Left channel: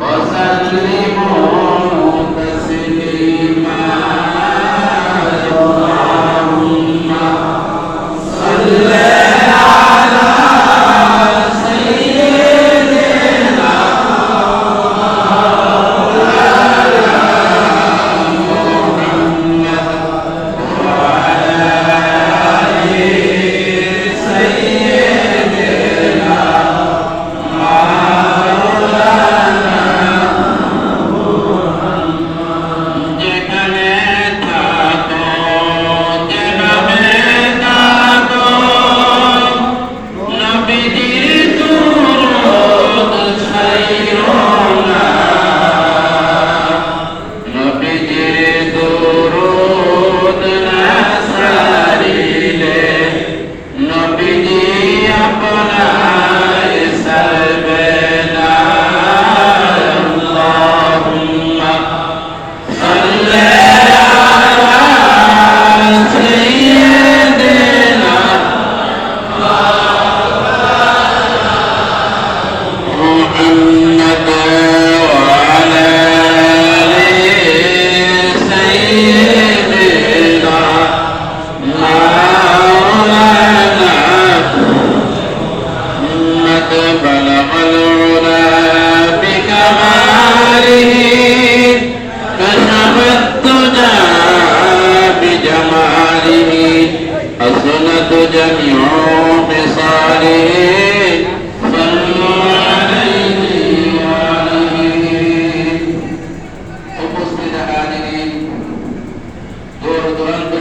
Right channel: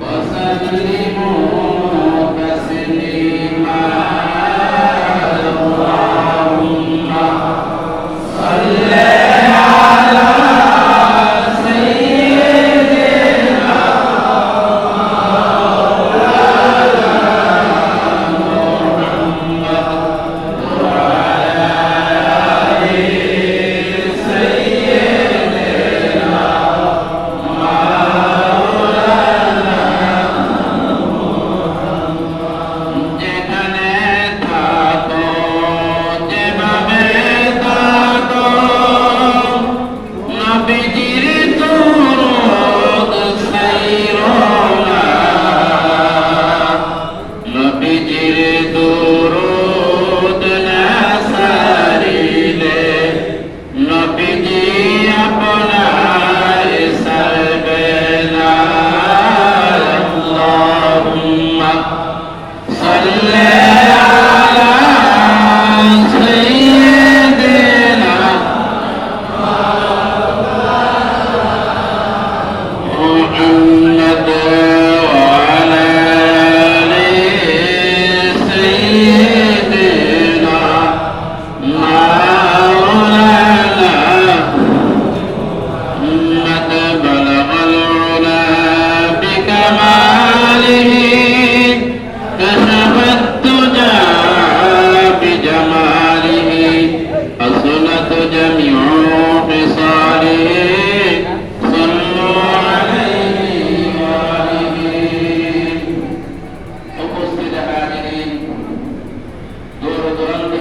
وسلموا تسليما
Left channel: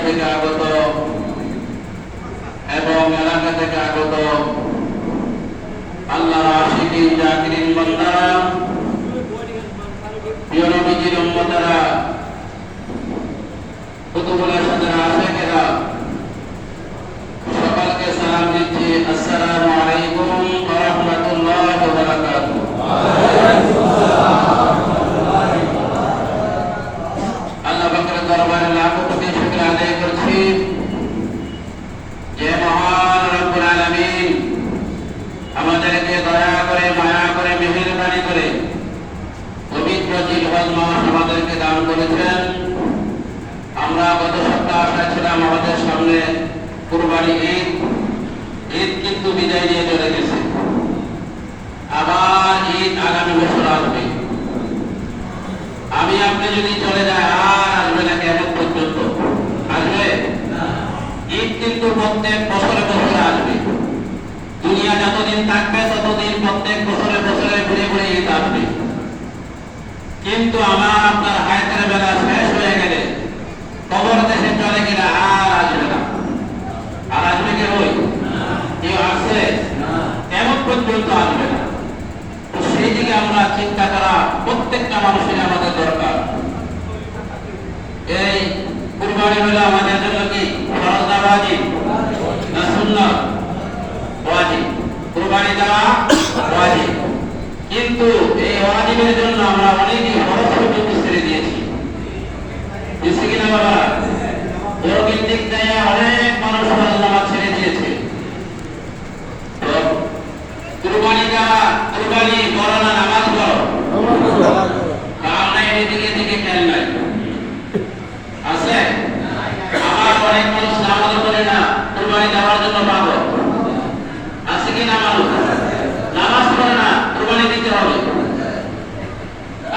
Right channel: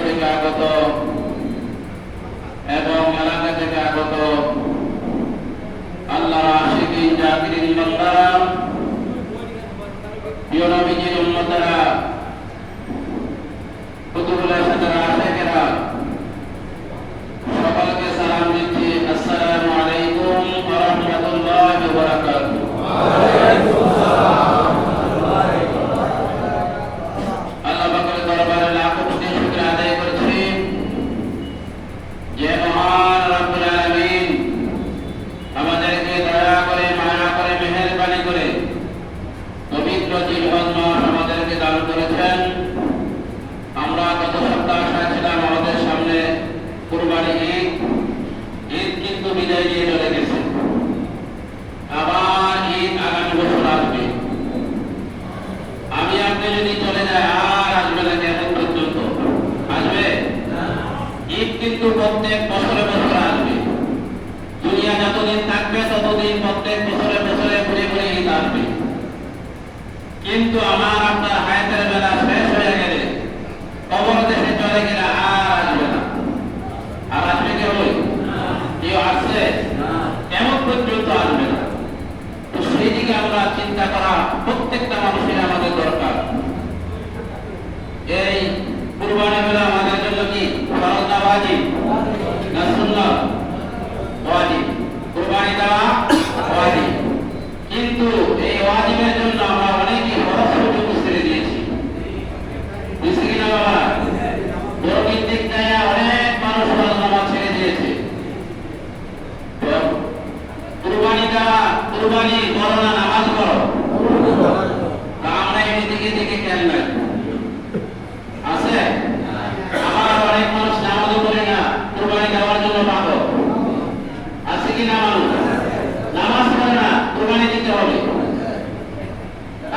থেকে আগত এবং এলাকা থেকে আগত আল্লাহ আশিকিন জাকিরিন বান্দা, প্রিয় নবীজির উম্মতেরা, কুতুবুল সাদারা আমাদেরকে দান করেছেন। আমরা গত সপ্তাহ আশায় ছিলাম আমাদের সামনে কুরবানি ঈদ। ঈদ কিন্তু বিদায় নিয়ে চলে গেছে। আবার ঈদ আগামী বছর আসবে। আমি আপনি যদি চলে যায় আর আসবে না কেমন পর্যন্ত? আসবে? ঈদ কিন্তু প্রত্যেক বছরে বছরে আসবে। দুনিয়া যতদিন থাকবে ততদিন প্রত্যেক বছরে বছরে ঘুরে ঘুরে ঈদ আসবে। কিন্তু আমার আপনার হায়াতের বেলা শেষ হয়ে গেলে কবর দেশে চলে গেলে আর আসবে না। আর আসবে কে ওই কেউ আসছে? কেমন পর্যন্ত আসবে না। সেই দিকে আমরা চিন্তা করা প্রত্যেকটা মানুষের আমাদের দরকার। এই কুরবানি হলো আমাদের জন্য কি ফরজ ওয়াজিব? না সুন্নাত? ওয়াজিব। কুরবানি দেওয়া ওয়াজিব। কিন্তু এই ওয়াজিবের জন্য আমরা অনেকই সহজ সুযোগ ছেড়ে দিয়েছি বুঝছি কিনা বাবা বড়কির দিক থেকে অনেক মানুষ ফরজ নামাজ ছেড়ে দিয়েছে তো কুরবানি দেওয়া কুরবানি করো না নামাজ করো আমরা এদিকে দিকে খেয়াল নাই। আছে? আমার অনেক মানুষ নামাজ পড়ে না কুরবানি দেওয়ার জন্য পাবো আছে কি না মানুষ নামাজ পড়ে না কুরবানি দিতে হবে।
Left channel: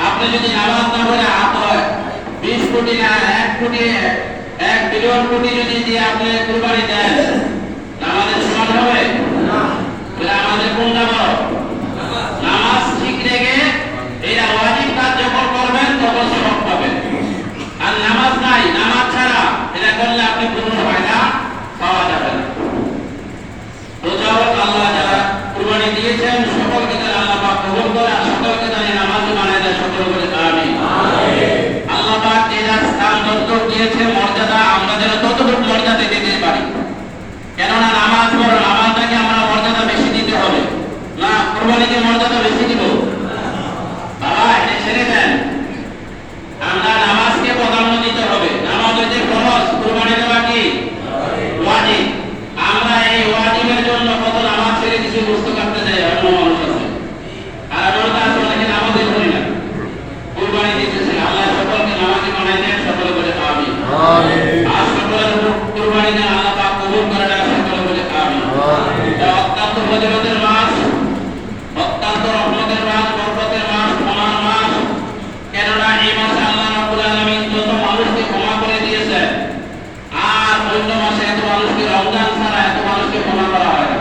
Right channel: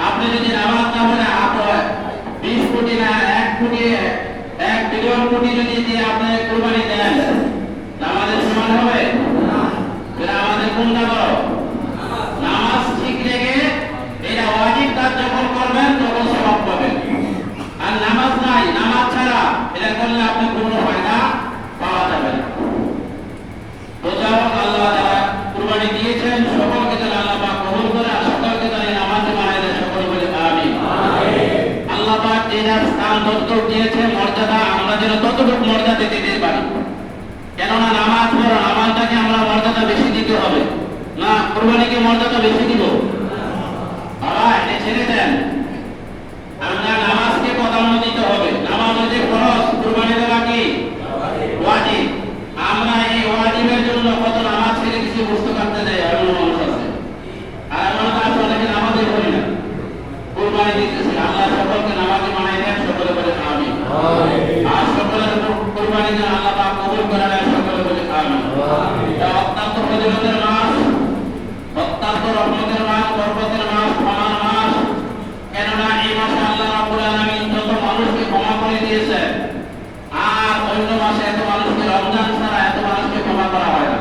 আপনি যদি নামাজ না পড়ে হাত বিশ কোটি না এক কোটি এক বিলিয়ন কোটি যদি দিয়ে আপনি কুরবানি দেন নামাজের সমান হবে? তাহলে আমাদের কোনটা বড় নামাজ ঠিক রেখে এটা ওয়াজিব কাজ যখন করবেন তখন সব পাবেন আর নামাজ নাই নামাজ ছাড়া। এটা করলে আপনি কোনো ফায়দা পাওয়া যাবে না। বোঝাও আল্লাহ যারা কুরবানি দিয়েছেন সকলকে যেন আল্লাহ পাক কবুল করে আর সকলকে এই নামাজ বানায় দেয় সকল বলে আমিন। আল্লাহ পাক যে যার স্থান যতটুকু দিয়েছে মর্যাদা আমরা যেন ততটুকু মর্যাদা দিতে পারি। কেননা নামাজ পড়ো নামাজটাকে আমরা মর্যাদা বেশি দিতে হবে না কোরবানিকে মর্যাদা বেশি দিব বাবা এটা ছেড়ে দেন আমরা নামাজকে প্রাধান্য দিতে হবে নামাজ হচ্ছে ফরজ কোরবানি দেওয়া কি ওয়াজিব আমরা এই ওয়াজিবের জন্য কত নামাজ ছেড়ে কিছু বুঝতে পারতে যাই এমন মানুষ আছে আর এমন আছে অনেক রহমতের মাস বরকতের মাস ক্ষমার মাস কেননা এই মাসে আল্লাহ রাব্বুল আলামিন যত মানুষকে ক্ষমা করে দিয়েছেন এত মানুষকে রমজান করা হয় না।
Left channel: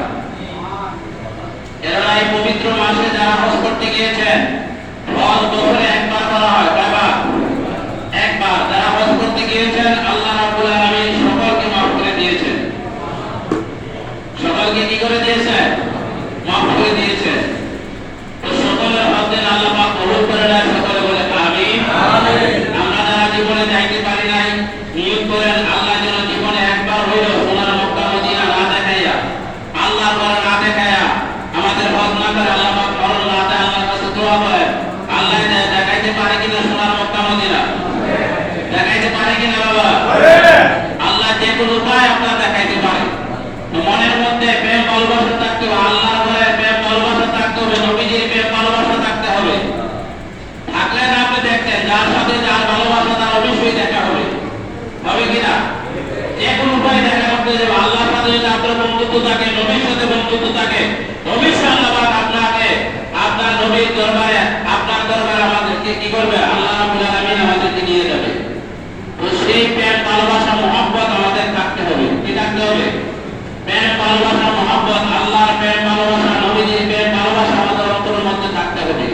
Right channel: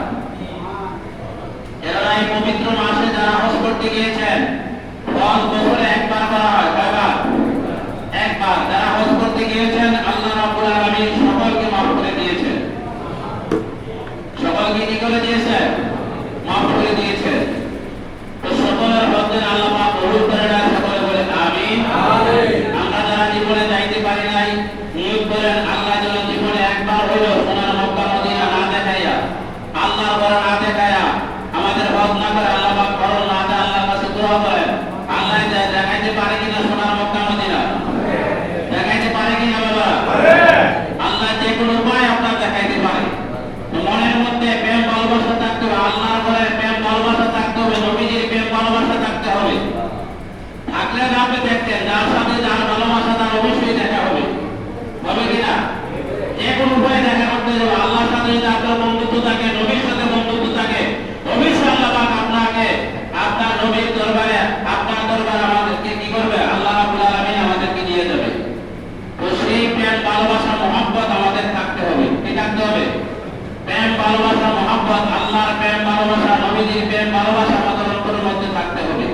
এরা এই পবিত্র মাসে যারা হজ করতে গিয়েছেন বছরে একবার করা হয়। কয়বার? একবার যারা হজ করতে গিয়েছেন আল্লাহ রাব্বুল আলামিন সকলকে মাফ করে দিয়েছেন সকলকে কি করে দিয়েছে মাফ করে দিয়েছে তো সকলের মধ্যে আল্লাহ পাক কবুল করে নেয় সকলে বলে আমিন আমরা যারা জীবনে যাইতে পারি নাই নিয়োগ করেন আল্লাহ যেন জীবনে একবার হইল সোনার মক্কা মদিনা না দেখাইয়া আল্লাহ বড় না দেখাইয়া আমাদের হজ না করে আল্লাহ পাক করণ না দেয় আল্লাহর কাছে দোয়া করেন আল্লাহ যে দেখাইতে পারে কিনা সোনার মক্কা মদিনা দেখাইতে পারে কিনা বাবা আল্লাহ যে কোনো উপায় আপনার দেখাইতে পারে তো মনের মধ্যে প্রেম ভালোবাসা থাকতে হবে আল্লাহর ঘরে প্রেম ভালোবাসা থাকতে হবে নবীজির প্রেম ভালোবাসা থাকতে হবে থাকলে না আপনি দেখতেন যার সাথে যার ভালোবাসা তার অবশ্যই দেখা হবে হবে কিনা যে কোনো উপায় দেখা করতে যাবে আল্লাহর সাথে যদি আপনার বন্ধুত্ব থাকে নবীর সাথে বন্ধুত্ব থাকে অবশ্যই আল্লাহ পাক আপনাকে আপনার নবীর দরবারে আপনার দরবারে আমাদেরকে কি করবে আল্লাহ রাব্বুল আলামিন আমাদেরকে নিয়ে যাবে তো সেই প্রেম ভালোবাসা মোহাম্মত আমাদের থাকতে হবে কি থাকতে হবে প্রেম ভালোবাসা মোহাম্মত আল্লাহর প্রেম ভালোবাসা নবীজির প্রেম ভালোবাসা আমাদের অন্তরের মধ্যে থাকতে হবে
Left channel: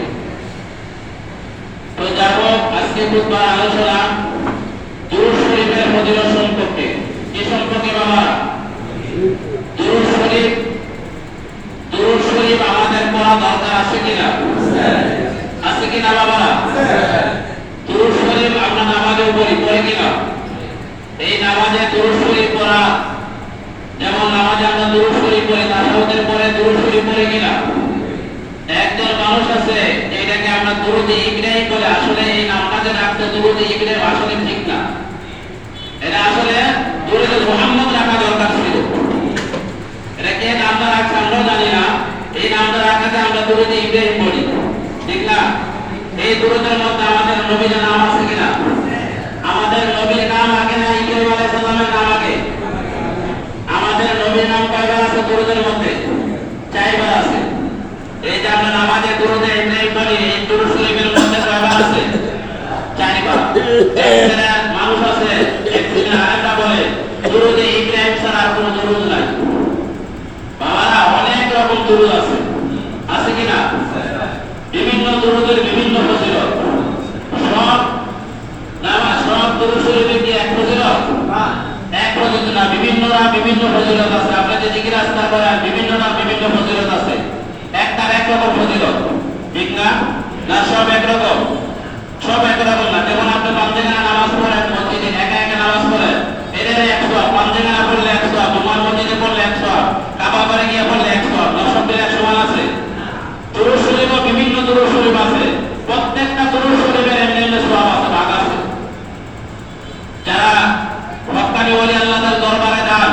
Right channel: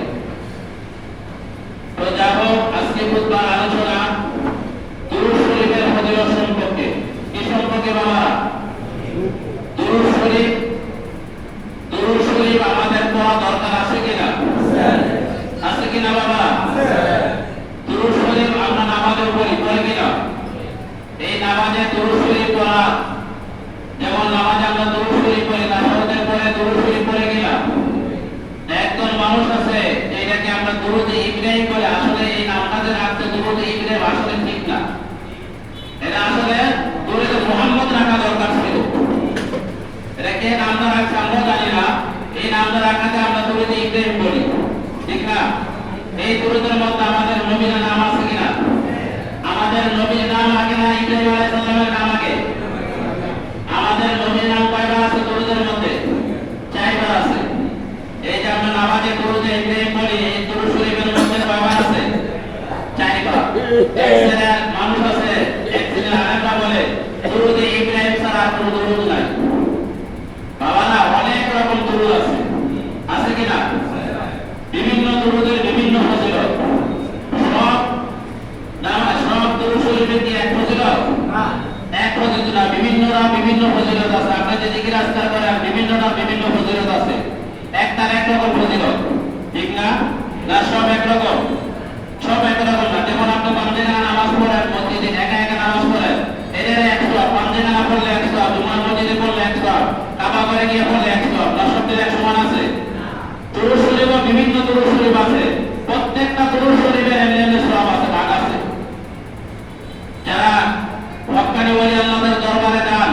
তো যাই হোক আজকে বুধবার আলোচনা দুরুদ শরীফের ফজিলত সম্পর্কে কি সম্পর্কে বাবা দুরুদ শরীফ দুরুদ শরীফ আমাদের পড়া দরকার আছে কিনা আছে কিনা বাবা দুরুদ শরীফ আমরা নামাজেও পড়ি পড়ি কিনা এই নামাজে দুরুদ শরীফ পড়া যেমন নামাজে আমরা দুরুদ শরীফ পড়ি তাহাজ্জুদের পরে দুরুদ শরীফ পড়ি কিনা একজন মানুষ আছে এটাকে আমরা দুরুদ ইব্রাহিম বলে, আসলে এই নামটা রাখতে দুরুদ ইব্রাহিম আসলে ঠিক না। এটা আসলে দুরুদ মুহাম্মদ রাখা দরকার ছিল। এটা কে নামটা রাখছে আমরা জানি না। এই নামটা রাখাতে আমরা দুরুদ ইব্রাহিম বলি। ঠিক না? এই দুরুদের মধ্যে আমাদের নবীর নাম আছে কিনা? আমাদের নবীর নাম আগে না ইব্রাহিম আলাইহিস সালামের নাম আগে? আমাদের নবীর নাম কয়বার আছে দুরুদের মধ্যে? বিভিন্ন দুরুদের বিভিন্ন ফজিলত। সব নামাজ সব কি এক ফজিলত? এক ফজিলত না, বিভিন্নরা বিভিন্ন ফজিলত আছে। আপনি যে জিকির আজকার করেন, বিভিন্নরা বিভিন্ন ফজিলত আছে। একটার এক রকম প্রতিরোধ ঠিক না? না, সব এক রকম। সব এক রকম না। যেমন আপনি পাঞ্জেগানা নামাজ পড়েন, মসজিদে একা একা নামাজ পড়েন, এদের একশো পাঞ্জেগানা পড়লে একশো তোমার মসজিদে পড়লে একশো কাবা করে গিয়ে পড়লে একশো দশ সপ্তাহে এক সমান আছে। দুরূদ শরীফও বিভিন্ন দুরূদ শরীফ আছে প্রত্যেকটা দুরূদ শরীফের এমনি এমনি সওয়াব আছে ভাগ আছে যারা হক্কানি ওলি আল্লাহদের দরবারে যান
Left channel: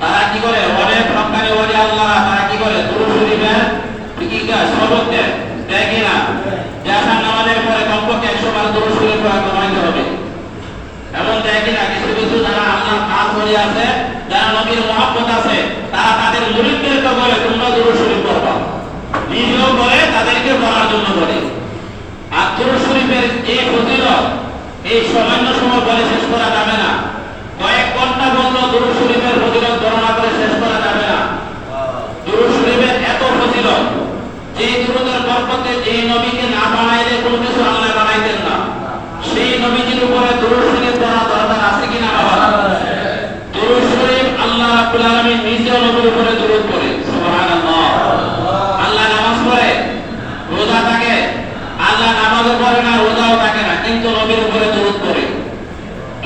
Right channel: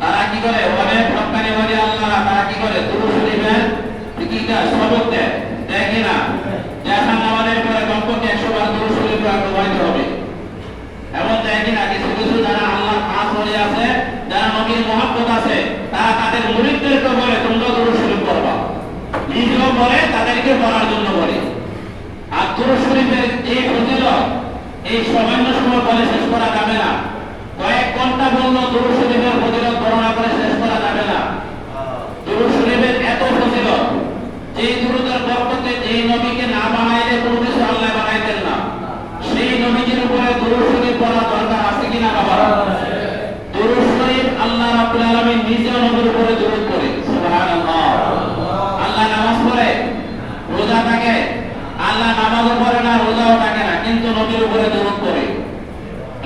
তারা কি করে অনেক হক্কানি ওলি আল্লাহ তারা কি করে দুরূদ শরীফের কি শরীফ তারা তাদের মুরিদদেরকে বলে তোমরা শরীফ পড়বা। নিজেও করে তাদেরকে পড়ার জন্য বলে আর দুরূদ শরীফের এই ফজিলত, এই সামান্য সময় বলে শেষ করা যাবে না। কয়েক ঘণ্টা বলল দুরূদ শরীফের ফজিলত বর্ণনা করে শেষ করা যাবে না দুরূদ শরীফের এত ফজিলত যে দুরূদের বরকতে যে নবীকে না বানাইলে কোনো কিছু আল্লাহ বানাইতেন না। সেই নবীজির উপরে দুরুদ শরীফ পড়া দরকার আছে কিনা বাবা? দুরুদ শরীফ আল্লাহ রাব্বুল আলামিন নিজে নবীর উপরে দুরূদ পড়ে সুবহানাল্লাহ আল্লাহ নামাজ পড়ে রোজা থাকে আল্লাহ নামাজও পড়ে না রোজাও থাকে না কিন্তু নবীর উপরে দুরূদ পড়ে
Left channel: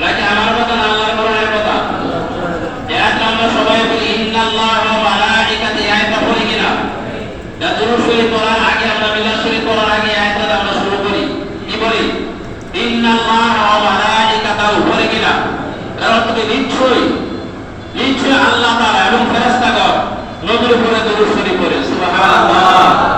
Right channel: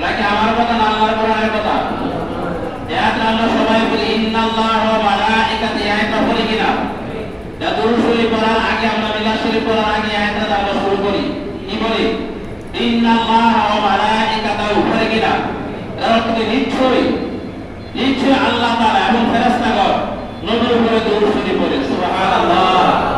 নাকি আমার কথা না আল্লাহর কোরআনের কথা যাতে আমরা সবাই বলি ইন্নাল্লাহ ওয়া মালাইকাতি আয়াতটা পড়ি কিনা যা আগে আমরা মিলাদ শরীফ পড়ার আগে আয়াতটা আমরা শুরু করি। কি বলি? ইন্নাল্লাহ ওয়া মালাইকাতাহু পড়ে কিনা তার অর্থ নিশ্চয়ই নিশ্চয় আল্লাহ তাআলা এবং ফেরেশতাগণ নবীর উপরে দুরূদ শরীফ পড়ে। সুবহানাল্লাহ।